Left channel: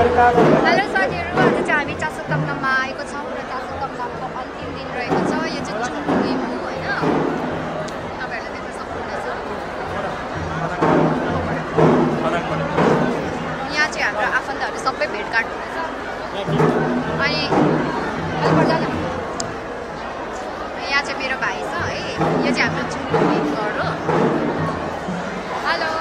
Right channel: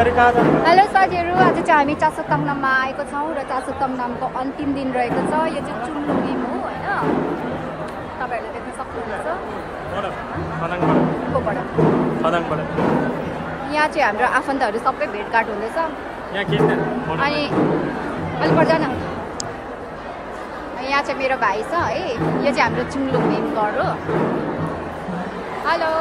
Hello साथीहरू, आज चाहिँ हामी चासोतङनाममा आएको छौँ र चासोतङनामको अन्तिम दिन रहेको छ। यो चाहिँ चुङलिम हो होइन, तपाईँहरूले देख्न सक्नुहुनेछ। यहाँ चाहिँ हाम्रो आफन्तहरू सबै भेटघाट हुँदैछ। अनि यहाँ चाहिँ मेरो भाइ छ है, यो चाहिँ हाम्रो चुङलिम घर हो। हेलो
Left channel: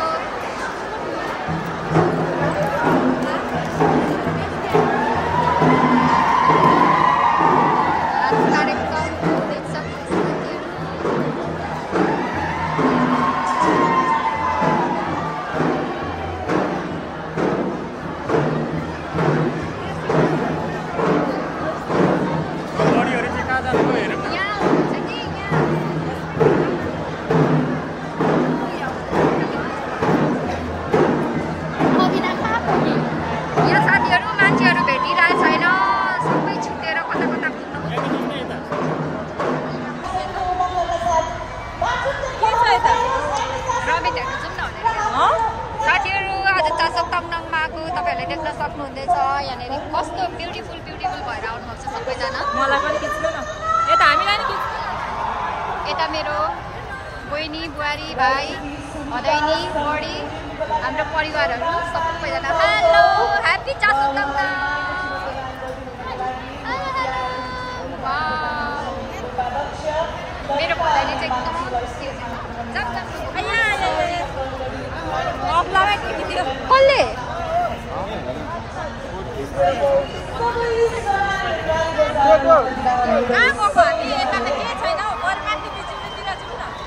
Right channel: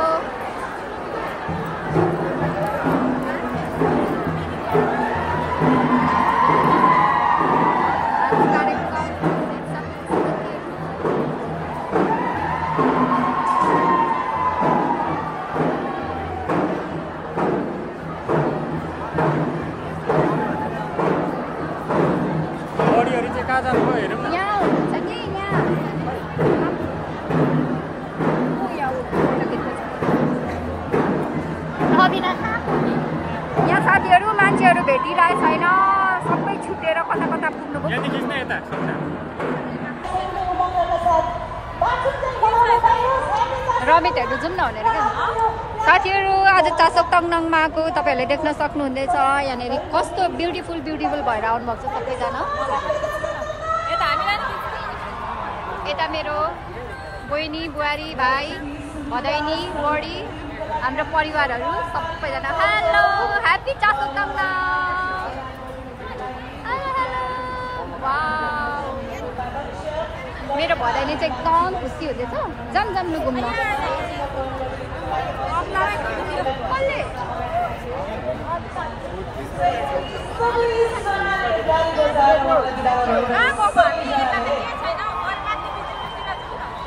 मान्छेहरू भेटिरहेको छैन, सबै छुटेर कता कता पुग्नुभयो। रमित हेर्नु जाउँ न भनेर साथीहरू, आज चासोतङनाममा आएको तपाईँहरूले देख्न सक्नुहुँदैछ। यहाँनिर कस्तो ब्युटिफुल भएर आउनुभएको छ सबैजना। यता मेरो बहिनी, बुहारी, भाइ, भदैनी, बडी, हाम्रो परिवारहरू सबैजना। Hello, happy Chasok Tangnam. Hello hello, wow, मेरो भदैनी चाहिँ एकदम खुसी हुँदैछ। जाम लु घुम्नु। कसले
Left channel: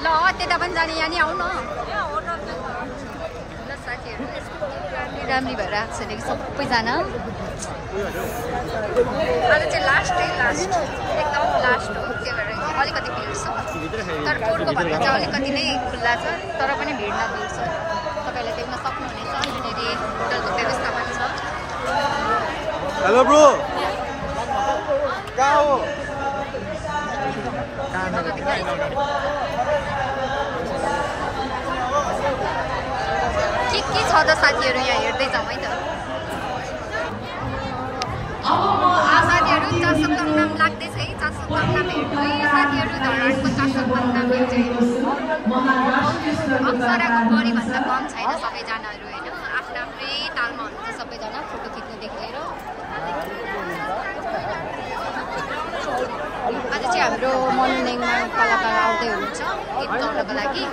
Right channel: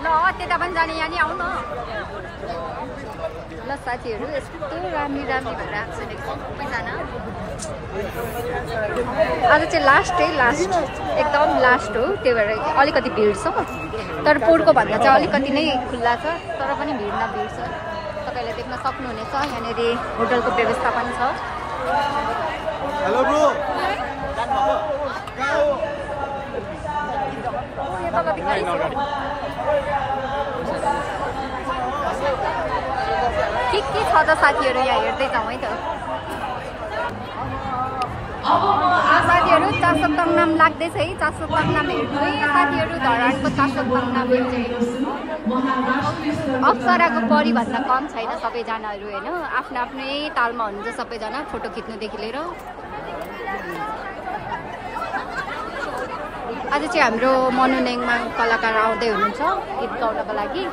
ल त्यता पनि जाने, यहाँ नि आऊ न ल साथीहरू। यस्तो राम्री भएर आएको छैन कि सबैजना। आज चाहिँ लास्ट एकदम लास्ट हो, त्यही भएर अलिकति भिड छ। तर पोहोरको भन्दा चाहिँ अलिकति नै खुल्ला छ, तर पनि भिड न भिड छ। तपाईँहरूले देख्न सक्नुहुनेछ। यहाँनिर होटलको व्यवस्था पनि छ। हेलो ब्रो, के छ त साथीहरू, यहाँ हेर्दै जाउँ है त। साथीहरू चासोतङनाम लाग्दैछ है, चासोतङनाम हेर्नु है साथीहरू। धरानको चासोतङनाम अप्सराको बढीभन्दा कम छैन सबैजनाहरू होइन, आफ्नो आफ्नै तालमा हुनुहुन्छ सबैजना, फोटो खिच्नुदेखि लिएर। आज चाहिँ हाम्रो मनोरञ्जनमा कलाकार आउँदै हुनुहुन्छ गीत गाउनको लागि।